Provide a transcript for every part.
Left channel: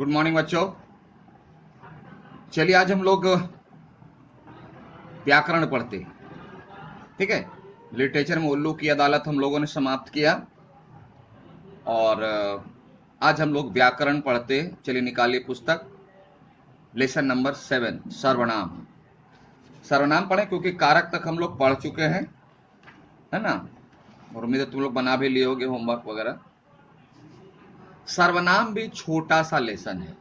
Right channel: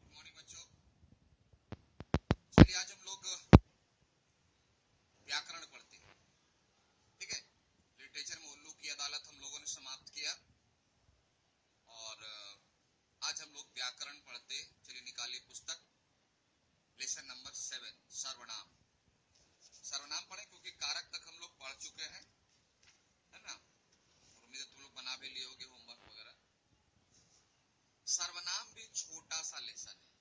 Good morning बच्चों। चलिए आज हम लोग व्याकरण पढ़ते हैं। ठीक है, लिटरेचर में उल्लू की अदालत हम लोगों ने समाप्त किया और आज हम लोग व्याकरण पढ़ते हैं। चलिए निकालिए पुस्तक, लेसन नंबर 7 सर्वनाम। सर्वनाम पढ़े क्योंकि कारक तक हम लोग पढ़ चुके हैं, है ना। और उम्मीद है तुम लोग बना भी लिए होगे होमवर्क वगैरह। सर्वनाम भी छोटा सा लेसन है,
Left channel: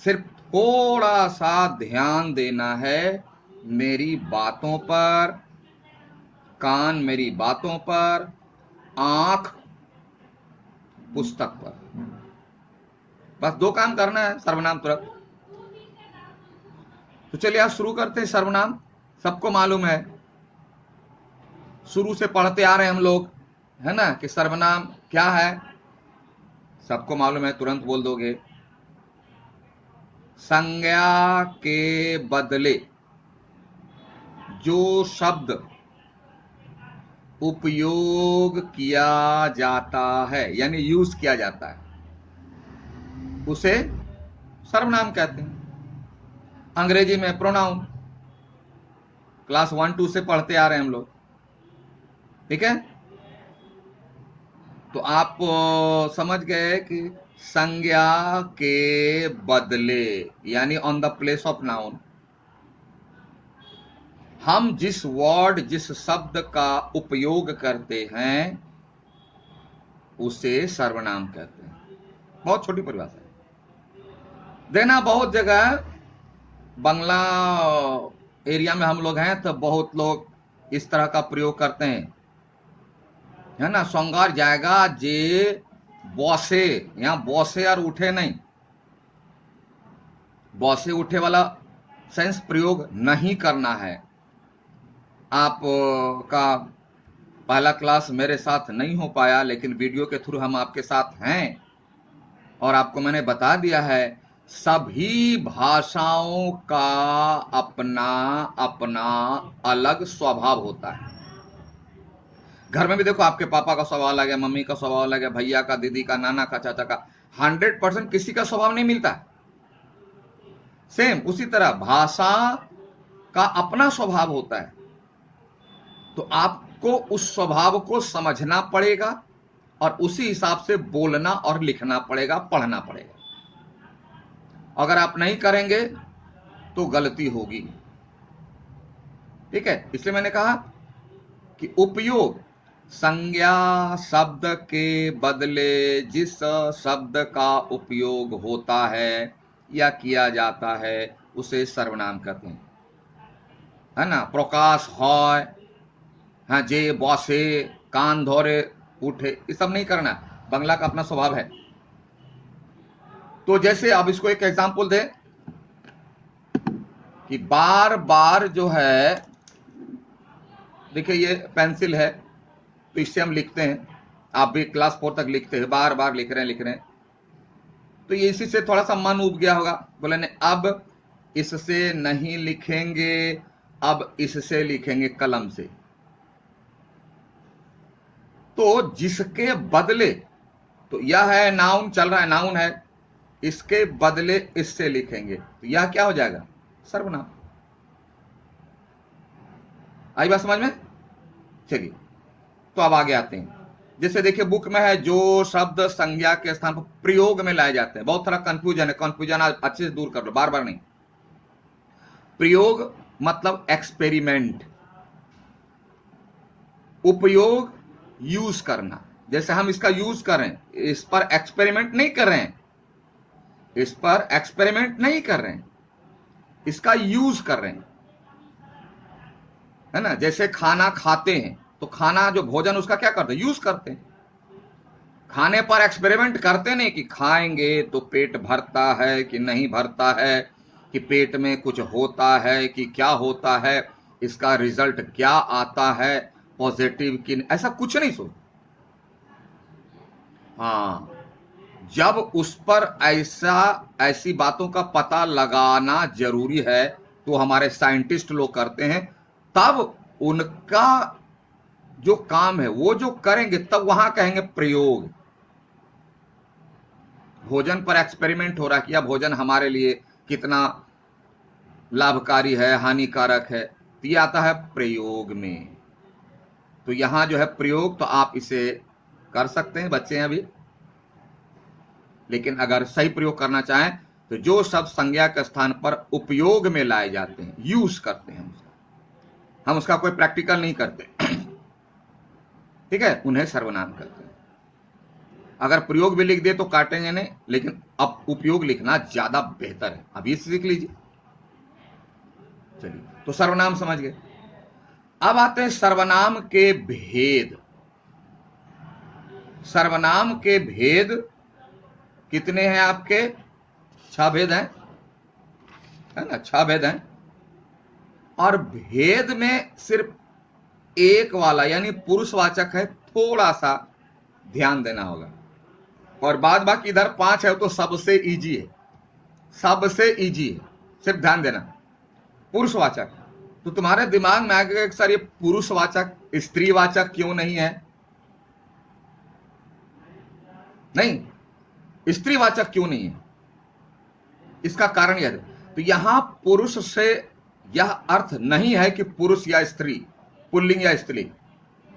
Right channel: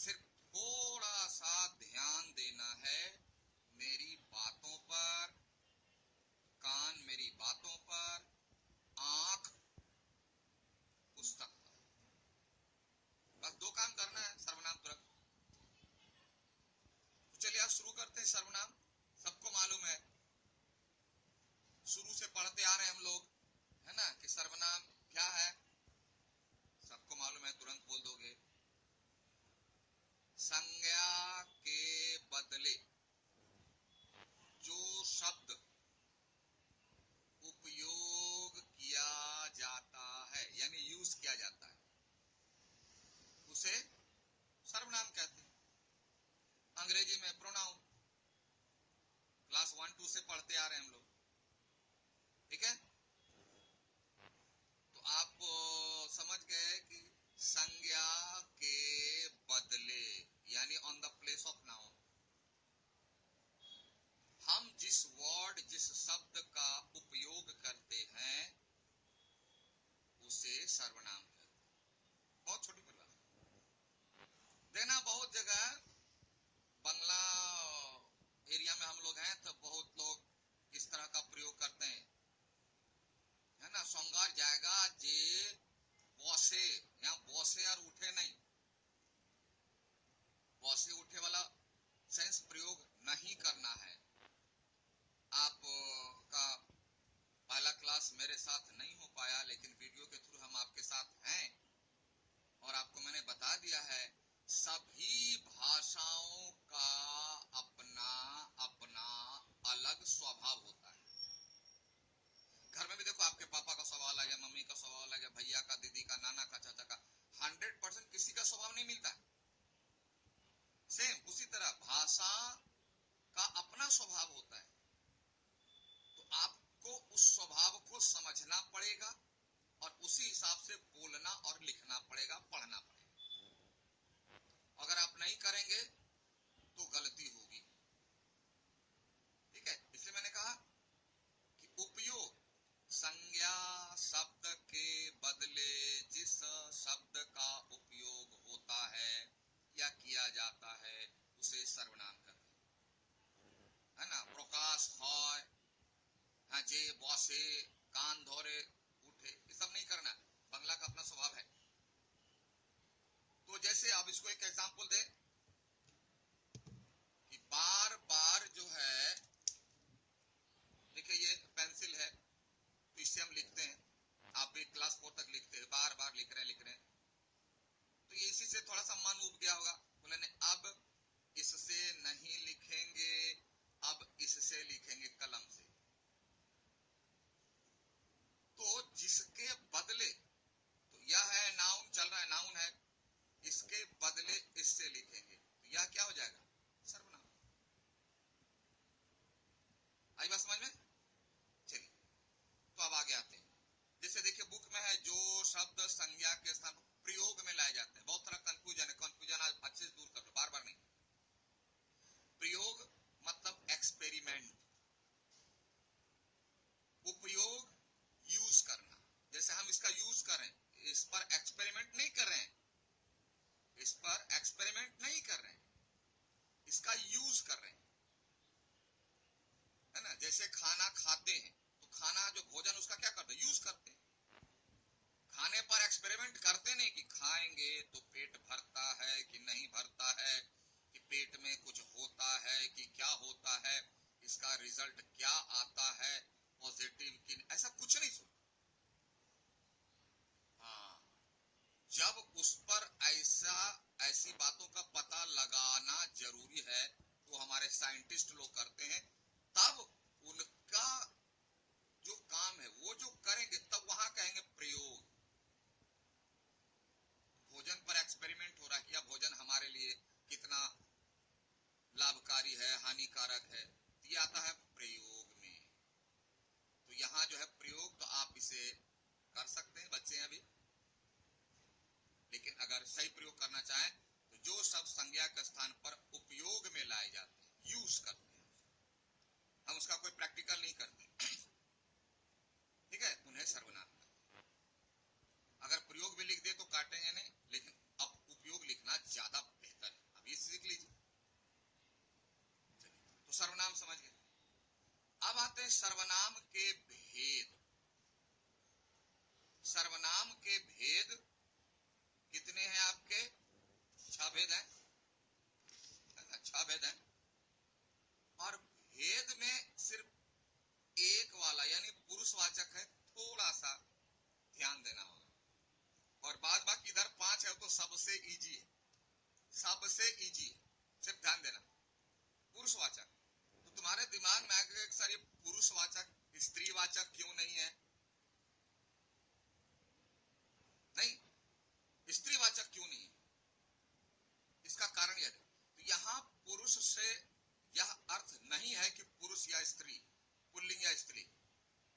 सिर्फ थोड़ा सा ध्यान देना है मेरी बातों पर, कान मेरी बातों पर, आंख पुस्तक पर। बस दो काम करना है सर्वनाम तुरंत। तो चलिए आज शुरू करते हैं। सर्वनाम सबको मालूम है, शुरू से पढ़ते आ रहे हैं हम लोग, है ना, कि सर्वनाम क्या है। सबको मालूम है, तुरंत बोल दोगे। संज्ञा के बदले जो शब्द उपयोग किया जाता है, यानी यूज किया जाता है, उसे सर्वनाम कहते हैं। अंग्रेजी में प्रोनाउन, क्लास 1-2 से पढ़ते आ रहे हैं हम लोग। ठीक है, तो आप समझ गए कि संज्ञा के बदले यानी on the place of noun हम जिस वर्ड, जिस शब्द का उपयोग करते हैं उसे सर्वनाम कहते हैं। बहुत छोटी परिभाषा है। देना बहुत जगह बंगला एरिया में हम लोग हैं तो बहुत लोग इस तरह का प्रयोग करते हैं, है ना। संगार जाएगा जे बॉसे, यहां बॉसे और उठे नहीं, बॉसे उठे वाला सेंस प्रयोग नहीं करना है। आप का पहला क्लास मेरे साथ नहीं हो पाया, लेकिन वीडियो के थ्रू हम आपके साथ हैं और आपको मैंने बता दिया है सभी भाषाओं का अपना अपना अलग स्वभाव होता है। घर में भी देखो, आपके पापा का स्वभाव अलग है, मम्मी का स्वभाव अलग है, भैया का, दीदी का, नाना का, चाचा का। 100% किसी का स्वभाव नहीं मिलता। सेम उसी तरह भाषा का अपना स्वभाव होता है, तो आपको उस स्वभाव को समझना पड़ेगा और उसी हिसाब से बोलना और लिखना पड़ेगा, पढ़ना पड़ेगा। अगर आप नहीं करेंगे तो गलती होगी। ठीक है, इसलिए मैंने कहा कि उपयोग, संज्ञा शब्द के बदले जिस शब्द का उपयोग होता है या किया जाता है उसे सर्वनाम कहते हैं, है ना। प्रकाश है, हाँ, जे बॉसे, कान धोरे उठे, ये सब नहीं करना। बंगला का अपना स्वभाव है। तो जैसे अब इसको एक एग्जांपल दे कि बार बार जो है, देखिए ये पेंसिल है तो इससे हम लिखते हैं, आप भी क्लास 4 तक लिखते हैं, बार बार लिख रहे हैं। तो ये इसी से थोड़ा सा मन उब गया होगा, बोले नहीं अब इससे नहीं लिखेंगे, अब इससे लिखेंगे कलम से। तो जिसके बदले, तो यह है नाउन, चल रहा है नाउन है, इसके बदले इससे लिखेंगे तो यह क्या हो जाएगा, सर्वनाम। आई बात समझ में। चलिए तो अब आगे आते हैं। जैसे देखिए बुक में है जो शब्द संज्ञा के स्थान पर प्रयोग में लाए जाते हैं। बहुत सारा कंफ्यूजन है, कंफ्यूजन आज अच्छे से दूर कर लो, बार बार नहीं। प्रयोग मतलब एक्सपेरिमेंट, उपयोग यूज करना। जैसे हम इसका यूज करें, इस पर एक्सपेरिमेंट नहीं कर रहे हैं, इस पर एक्सपेरिमेंट नहीं कर रहे हैं, इसका यूज कर रहे हैं, है ना। जैसे खाना खाते हैं तो खाना जो भोजन उसका क्या करते हैं, यूज करते हैं। खाने पर एक्सपेरिमेंट करते नहीं कि खाएंगे तो पेट भरता है कि नहीं भरता है, कि पेट में कुछ होता है कि क्या होता है, इसका रिजल्ट क्या आता है, पॉजिटिव कि, ऐसा कुछ नहीं सोच। हाँ, जब उस पर ऐसी बातों का पता लगाना जरूरी है तो हमारे साइंटिस्ट लोग करते हैं, तब उनका जो काम है वो जो करेंगे तब वहां कहेंगे प्रयोग। भोजन पर एक्सपेरिमेंट हो रहा है कि यह भोजन हमारे लिए कितना लाभकारी है, हानिकारक है, तो ये आता है प्रयोग में। तो यहां जो है प्रयोग, तो आप इसे कर सकते हैं, बच्चे हैं अभी, लेकिन अगर सही प्रयोग करना चाहें तो जो शब्द संज्ञा के स्थान पर उपयोग में लाए जाते हैं, यूज करते हैं, हम उसका कोई प्रैक्टिकल नहीं करते, ठीक है, उन्हें सर्वनाम करते हैं। अगर प्रयोग भी लिख दे तो काटेंगे नहीं, लेकिन अब उपयोग लिखना ज्यादा बेहतर है, अभी सीख लीजिए। चलिए, तो सर्वनाम समझ गए। अब आते हैं सर्वनाम के भेद। सर्वनाम के भेद कितने हैं आपके? 6 भेद हैं, है ना, 6 भेद हैं। और भेद में सिर्फ एक वाला यानी पुरुषवाचक है, थोड़ा सा ध्यान देना होगा। और बाद बाकी इधर 5 है तो सबसे इजी है, सबसे इजी है, सिर्फ ध्यान देना। पुरुषवाचक, तो तुम्हारे दिमाग में आएगा कि सर ये पुरुषवाचक स्त्रीवाचक क्यों नहीं है? नहीं, स्त्रीवाचक क्यों नहीं है? इसका कारण यह है, तो यहां पुरुष से यह अर्थ नहीं है कि पुरुष या स्त्री, पुल्लिंग या स्त्रीलिंग।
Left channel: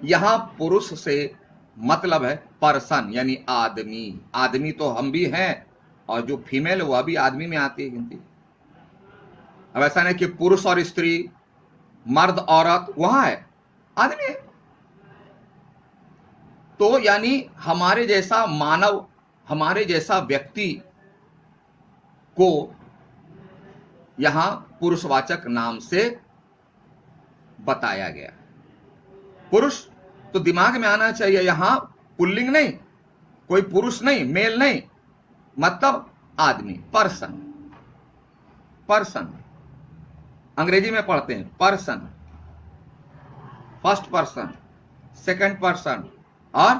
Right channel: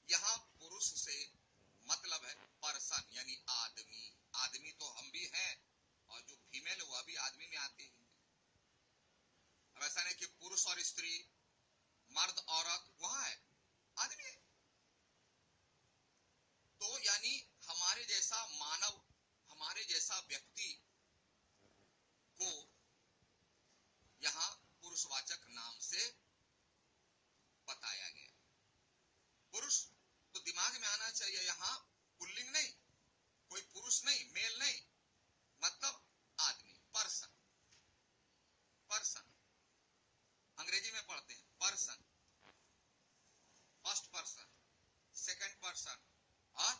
यहां पुरुष से मतलब है पर्सन यानी आदमी। आदमी तो हम भी हैं, और जो फीमेल है वह भी आदमी में आती है गिनती। अब ऐसा नहीं कि पुरुष और स्त्री, मर्द औरत, वहां है आदमी है। तो यानी हमारे जैसा मानव, हमारे जैसा व्यक्ति को यहां पुरुषवाचक नाम से बताया गया। पुरुष तो दिमाग में आना चाहिए, यहां पुल्लिंग नहीं, कोई पुरुष नहीं, मेल नहीं, मतलब आदमी, पर्सन। पर्सन अंग्रेजी में पढ़ते हैं person, first person, second person और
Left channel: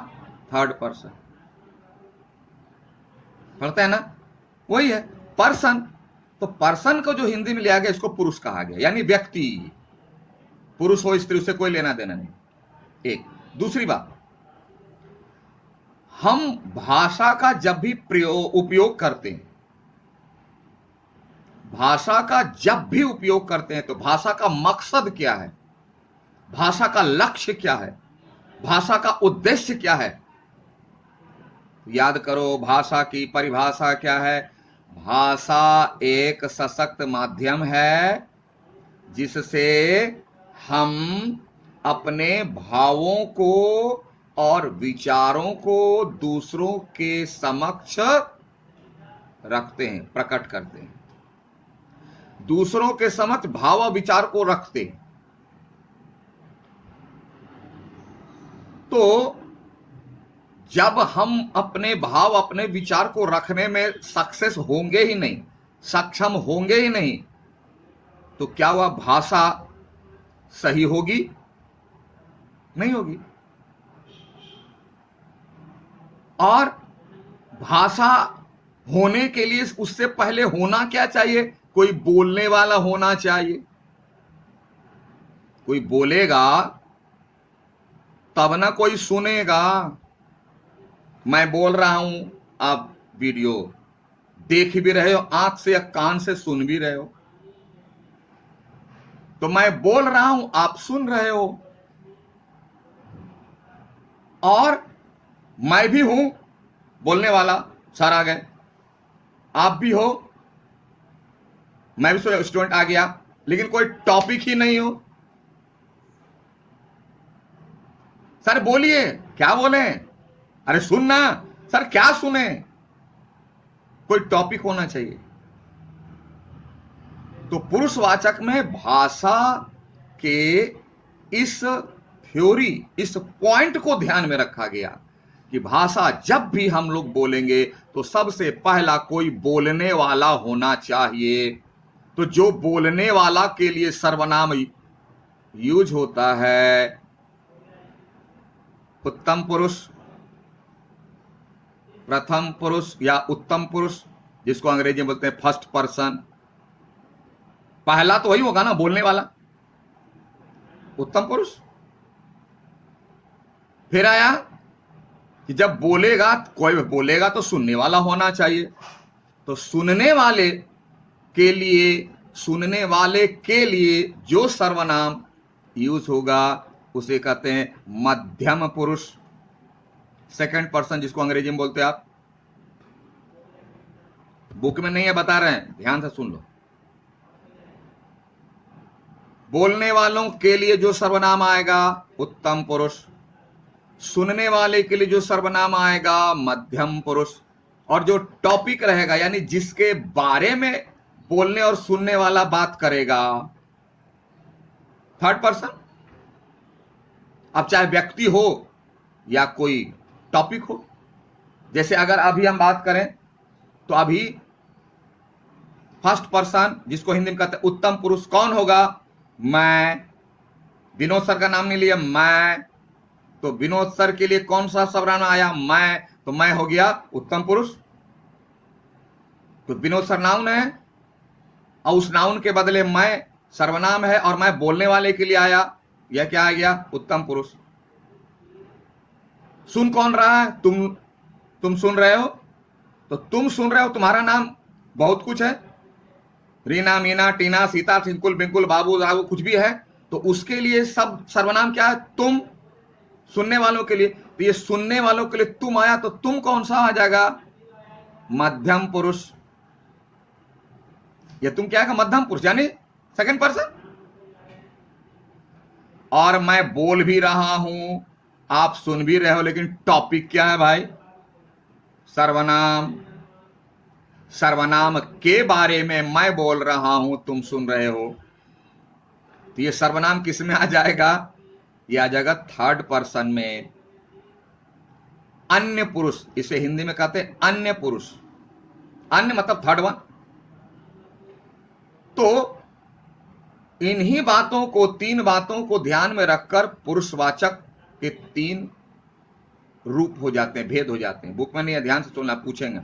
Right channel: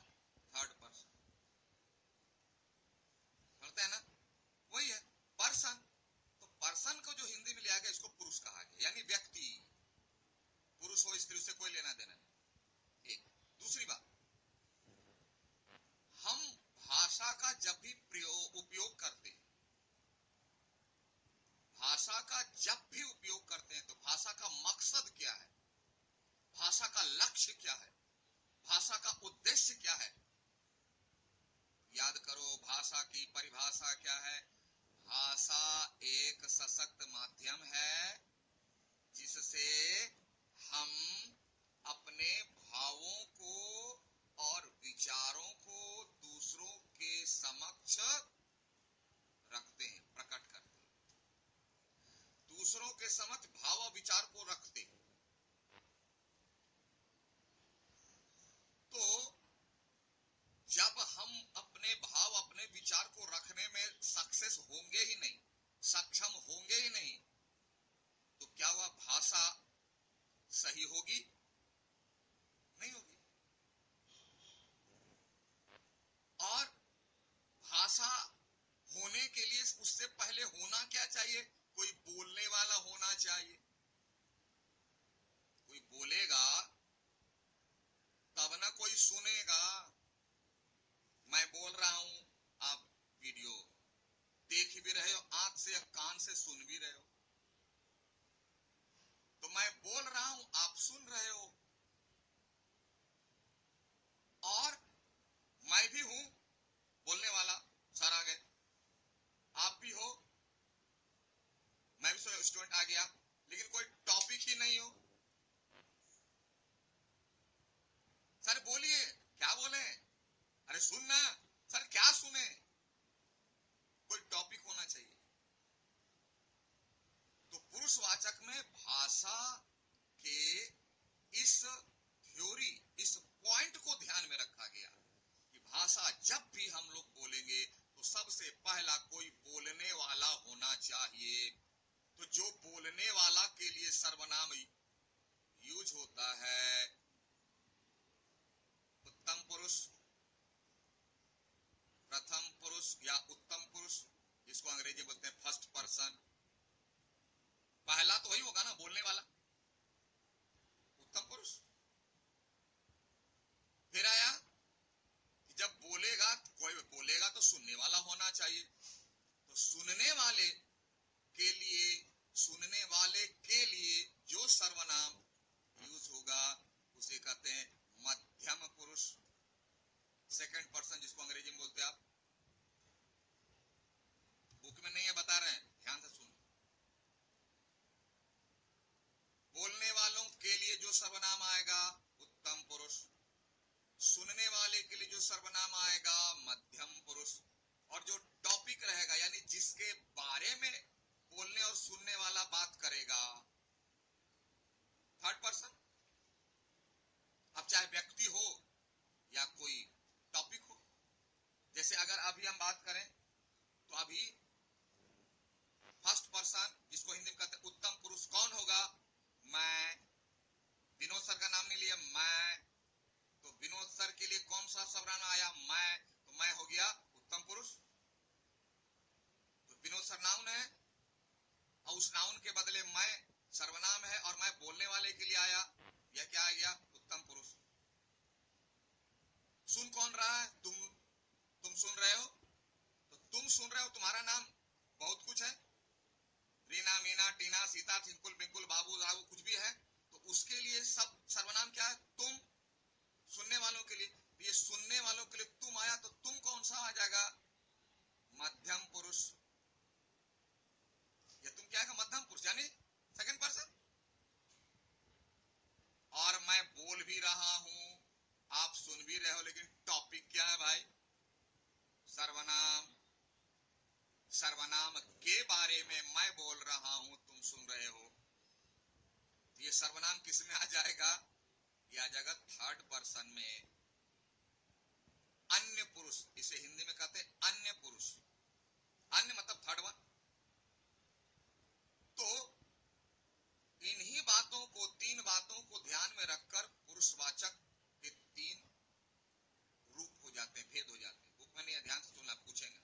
थर्ड पर्सन, पढ़ते हैं ना, वही है पर्सन। तो पर्सन को जो हिंदी में लिया गया इसको पुरुष कहा गया, यानी व्यक्ति। पुरुष हो स्त्री, उससे कोई लेना देना नहीं। एक दूसरी बात, हम भाषा का जब भी उपयोग करते हैं, भाषा का जब भी उपयोग करते हैं, तो भाषा का मकसद क्या है, भाषा का लक्ष्य क्या है, भाषा का उद्देश्य क्या है? याद करो, भाषा की परिभाषा क्या है? भाषा एक सशक्त माध्यम है जिससे हम अपने भावों को और विचारों को दूसरों के समक्ष रखते हैं, प्रकट करते हैं। दूसरों के समक्ष भाव और विचार को रखते हैं। तो जब हम अपने भाव, अपने विचार को रखने में सक्सेस होंगे ही नहीं, सक्षम होंगे ही नहीं, तो क्या वह भाषा सही होगी? नहीं होगी। और भाषा होने के लिए उससे पहले होना क्या चाहिए? कोई बोलने वाला होना चाहिए। कोई बोलेगा तब ना कोई सुनेगा। मैं बोल रहा हूं, आप वीडियो देख भी रहे हो, आंख से या कान से सुन भी रहे हो, तो मैं बोल रहा हूं, आप सुन रहे हो, और मैं भी हूं बोलने वाला, सर आ गए, आप भी हो, मैं भी स्टूडेंट आ गया, लेकिन कोई टॉपिक ही नहीं हो। सर बोलिए, क्या बोले? अरे सुनना। सर क्या सुने? कोई टॉपिक होना चाहिए। तो पुरुषवाचक में भाषा के इस थ्योरी, इस पॉइंट को ध्यान में रखा गया कि भाषा जब भी हम लोग बोलेंगे तो सबसे पहला कोई बोलने वाला होना चाहिए। तो जो बोलने वाला के लिए सर्वनाम यूज होता है, उत्तम पुरुष, प्रथम पुरुष या उत्तम पुरुष, जिसको अंग्रेजी में बोलते हैं फर्स्ट पर्सन, पहला तो वही होगा ना बोलने वाला, उत्तम पुरुष। फिर आया कि जब बोलेगा, कोई बोलेगा तो सुनने वाला होना चाहिए। तो सुनने वाले के लिए, सुनने वाले के लिए जो सर्वनाम यूज होगा उसे कहते हैं मध्यम पुरुष, सेकंड पर्सन, जिसको अंग्रेजी में बोलते हैं आप। बुक में नहीं है, बता रहे हैं, ध्यान से सुन लो। बोलने वालों के लिए जो सर्वनाम आएगा उत्तम पुरुष, सुनने वाले के लिए जो सर्वनाम आएगा मध्यम पुरुष, और जो टॉपिक रहेगा यानी जिसके बारे में बोलने और सुनने वाला बात करेगा थर्ड पर्सन। अब चाहे व्यक्ति हो या कोई टॉपिक हो। जैसे अगर अभी हम बात करें तो अभी फर्स्ट पर्सन, जिसको हिंदी में कहते हैं उत्तम पुरुष, कौन होगा? मैं। विनोद सर का नाम नहीं लिया, मैं। तो विनोद सर के लिए कौन सा सर्वनाम आया? मैं। तो मैं हो गया उत्तम पुरुष। तो विनोद सर नाउन है और उस नाउन के बदले मैं सर्वनाम है, और मैं बोलने वाले के लिए आया, यह क्या आ गया? उत्तम पुरुष। सुन कौन रहा है? तुम सुन रहे हो। तो तुम सुन रहे हो, तुम्हारा नाम बहुत कुछ है, रीना, मीना, टीना, सीता, सिंकुल, बिंकुल, बाबू, राबू, कुछ भी है। तो उसके लिए सब सर्वनाम क्या है? तुम। सुनने वालों के लिए, तो ये सुनने वालों के लिए तुम आया, तो तुम कौन सा आ जाएगा? मध्यम पुरुष। ये तुम क्या है? मध्यम पुरुष यानी सेकंड पर्सन। और मैं बोल भी रहा हूं, आप सुन भी रहे हो, लेकिन टॉपिक क्या है भाई? सर्वनाम। सर्वनाम के बारे में मैं बोल रहा हूं, तुम सुन रहे हो। तो ये सर्वनाम किस में आ जाएगा? ये आ जाएगा थर्ड पर्सन में, अन्य पुरुष। इसे हिंदी में कहते हैं अन्य पुरुष। अन्य मतलब थर्ड वन। तो इन्हीं बातों को, तीन बातों को ध्यान में रखकर पुरुषवाचक के तीन रूप हो जाते हैं, भेद हो जाते हैं। बुक में नहीं है, ध्यान से सुनना, पूछेंगे।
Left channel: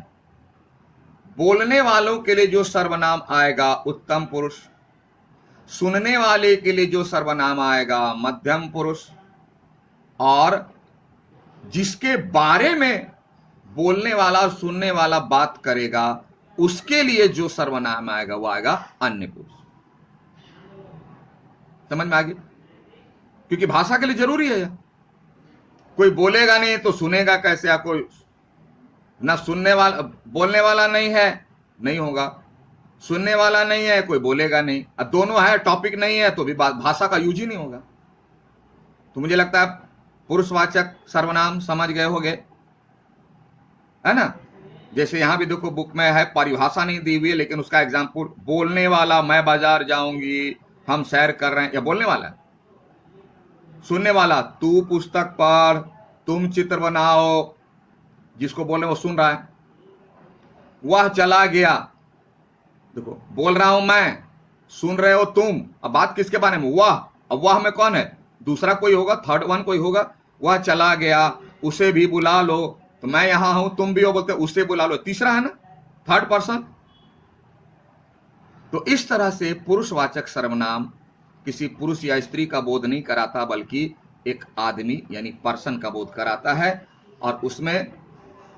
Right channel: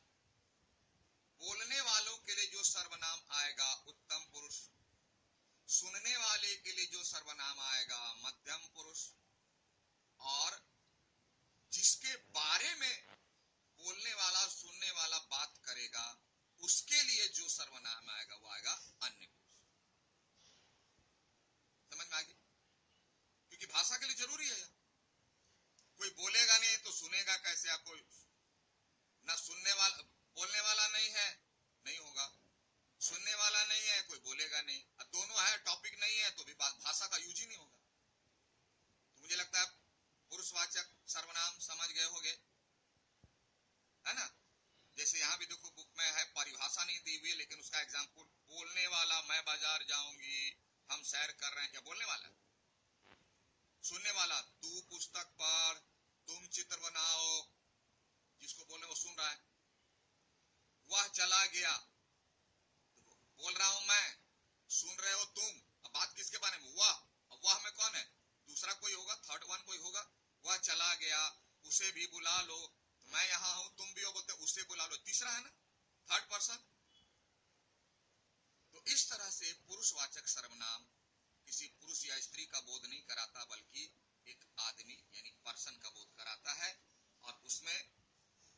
बोलने वालों के लिए जो सर्वनाम आएगा उत्तम पुरुष, सुनने वाले के लिए जो सर्वनाम आएगा मध्यम पुरुष, और जिसके बारे में बोलने वाला और सुनने वाला बात करेगा उसके लिए जो सर्वनाम आएगा वो आएगा अन्य पुरुष। समझ में आ गई? क्योंकि भाषा के लिए जरूरी है। कोई बोलेगा नहीं तो सुनेगा कैसे? या कोई ना सुनने वाला, बोलने वाला नहीं है, नहीं होगा। सुनने वाला नहीं है, कोई बोलेगा नहीं। अब दोनों है, टॉपिक नहीं है, तो भी भाषा का यूज ही नहीं होगा। तो मुझे लगता है पुरुषवाचक सर्वनाम समझ गए होंगे, है ना? जैसे यहां भी देखो, बुक में है, परिभाषा नहीं दी हुई है, लेकिन उसका एग्जाम्पल, बोलने वाला मैं बाजार जाऊंगी, हम सैर कर रहे हैं, या बोलने वाला। सुनने वाला तू पुस्तक पढ़, तुम चित्र बनाओ, जिसको बोल रहे वो सुन रहा है। वह चला गया, देखो बोल रहा हूं मैं, सुन रहे हो तुम। अब बात किसके बारे में? वह। अब वह में कौन है? दूसरा कोई होगा, थर्ड वन कोई होगा। वह चला गया, उसे भी बुला लो। तो मैं यहां हूं, तुम भी हो, बोलते उसे बुला लो, तीसरा है ना, थर्ड पर्सन। तो इस तरह से पुरुषवाचक सर्वनाम किसी पुरुष या स्त्री का बोध नहीं कराता, बल्कि एक आदमी यानी पर्सन का बोध कराता है। और उसमें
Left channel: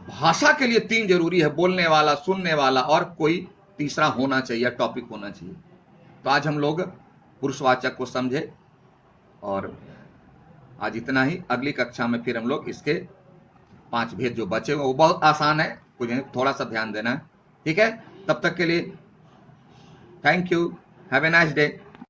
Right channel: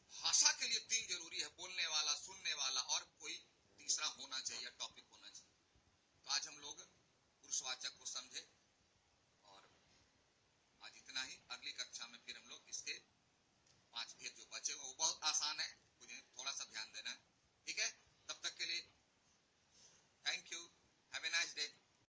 भाषा के लिए तीन जरूरी है, बोलने वाला, सुनने वाला, और कोई तीसरा होना चाहिए, टॉपिक होना चाहिए। तो आज हम लोग पुरुषवाचक को समझे, और आज इतना ही। अगली कक्षा में फिर हम लोग इसके 5 भेद जो बचे हुए, वो बहुत आसान है, कुछ थोड़ा सा ध्यान देना है। ठीक है, तब तक के लिए thank you, have a nice day.